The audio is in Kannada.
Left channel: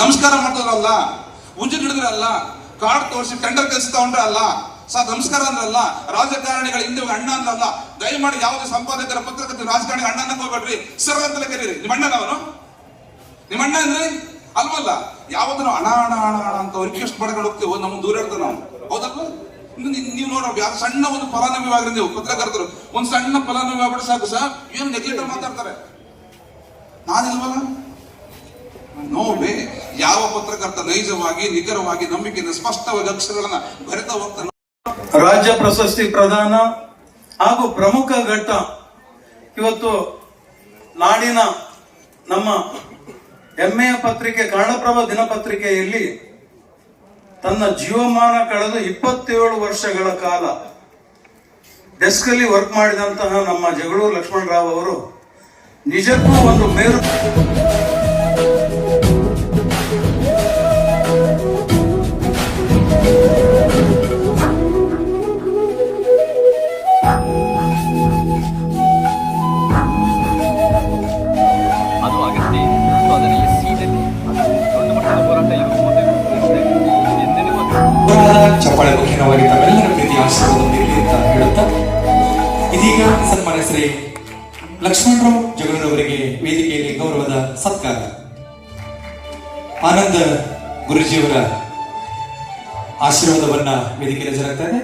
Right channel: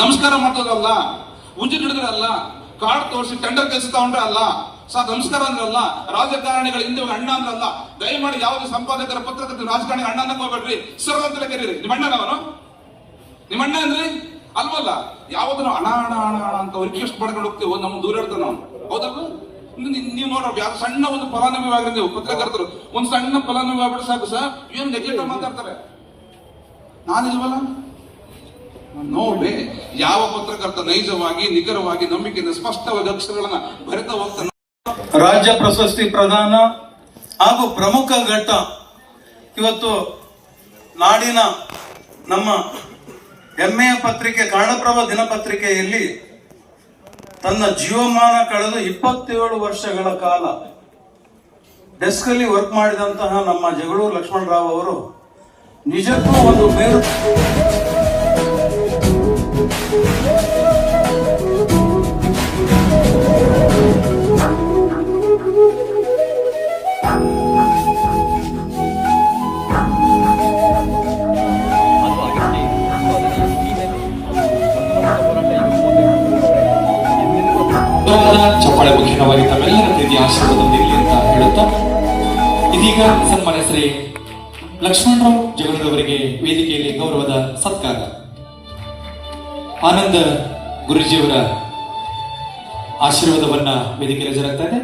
ನಮಸ್ಕಾರ ಮಾಡೋದ್ರಲ್ಲ, ಉಂಜಿ ಹಿಡಿದ್ರಲ್ಲ, ಕಾರ್ಡ್ ತೋರಿಸಿ ಟೆಂಡರ್ ಕೆಲಸ ತಗೊಂಡ್ರೆ ಅಲ್ಲ, ನಮಸ್ಕಾರ ಅಂದ್ರಲ್ಲ, ರಾಜಕಾರಣಿಗಳ ಹಿಂದೆ ಅಣ್ಣ ಅಂದ್ರಲ್ಲ. ದಯಮಾಡಿ ಯಾವುದೇ ಸಂಪಾದಕರ ಪತ್ರಕರ್ತರ ರಾಜಕಾರಣಿ ಅಣ್ಣ ಹೋಗ್ಬೇಡ್ರಿ, ಸರ್ ಅಂತಲೇ ಕರೀರಿ. ನಿಮ್ಮ ಅಣ್ಣನವನು, ನಿಮ್ಮ ಅಣ್ಣ ಅಂದ್ರೆ ಅಲ್ವಲ್ಲ. ಯಾವ್ದು ಹಣ ಹಣ ಹಣ ಹಣ ಅಂತ ರಿಕ್ವೆಸ್ಟ್ ಮಾಡ್ಕೊಂಡು ಹೋಗ್ತೀವೋ ನಮ್ಮ ದೂರ ಇರ್ತಾವ ನಾವು, ಹೌದಲ್ಲ? ನೀವು ನೋಡ್ರಿ, ಯಾವ ಸಣ್ಣ ಒಂದು ಫಲಾನುಭವಿ ಆಗ್ರಿ, ನೀವು ಪತ್ರಕರ್ತರು ಒಂದ್ ಸಣ್ಣ ಫಲಾನುಭವಿ ಆಗ್ಬಿಟ್ಟು ಸಾಕು ಸರ್, ಏನು ನೆಗ್ಲೆಕ್ಟ್ ಮಾತಾಡ್ತಾರೆ. ನಾನಿಲ್ವಲ್ಲ ನೋಡ್ರಿ, ಯಾವ ಪತ್ರಕರ್ತ ನೈಜವಾಗಿ ನಿಖರವಾಗಿ ನಂಬಿಕೆಯಿಂದ ಸ್ಪಷ್ಟವಾಗಿ ಅಕ್ಷರಗಳನ್ನ ಬರೆತಾ ಹೋಗ್ತಾನೆ. ರಾಜ್ಯ ಪ್ರಶಸ್ತಿ ಪ್ರದಾನ ಹಾಗೂ ಪ್ರಮುಖ ಘಟ್ಟ ಇವತ್ತು ನಾಡಿನ ನಮ್ಮ ಹೆಮ್ಮೆಯ ಪತ್ರಿಕೆ ಕನ್ನಡಪ್ರಭ ದಿನಪತ್ರಿಕೆಯಲ್ಲಿ ತನ್ನ ಜೀವಮಾನ ಕಳೆದು 27 ವರ್ಷಗಳ ಕಾಲ ಡೆಸ್ಕ್ ಅಲ್ಲಿ ವರ್ಕ್ ಮಾಡಿದಂತಹ ನಮ್ಮ ಜಗಳೂರು ಲಕ್ಷ್ಮಣರಾವ್ ಅವರು ನಿಜಕ್ಕೂ ಒಂದು ಮೇರು. ಚಪ್ಪಾಳೆ ಮುಖ್ಯವಾಗಿ ತಮ್ಮೆಲ್ಲರ ಪ್ರೀತಿ ಆಶೀರ್ವಾದವಿರಲಿ ಅಂತ ಹೇಳುತ್ತಾ, ಇದೀಗ ಸನ್ಮಾನ್ಯ ಶ್ರೀ ಲಕ್ಷ್ಮಣರಾವ್ ಜಗಳೂರವರಿಗೆ ವೇದಿಕೆಯಲ್ಲಿ ಗೌರವದ ಸತ್ಕಾರ. ಆನಂದ ಗುರುಜಿಯವರ ಆಶೀರ್ವಾದವನ್ನ ವೇದಿಕೆಯಲ್ಲಿ ಜರುಗ್ತಾರೆ.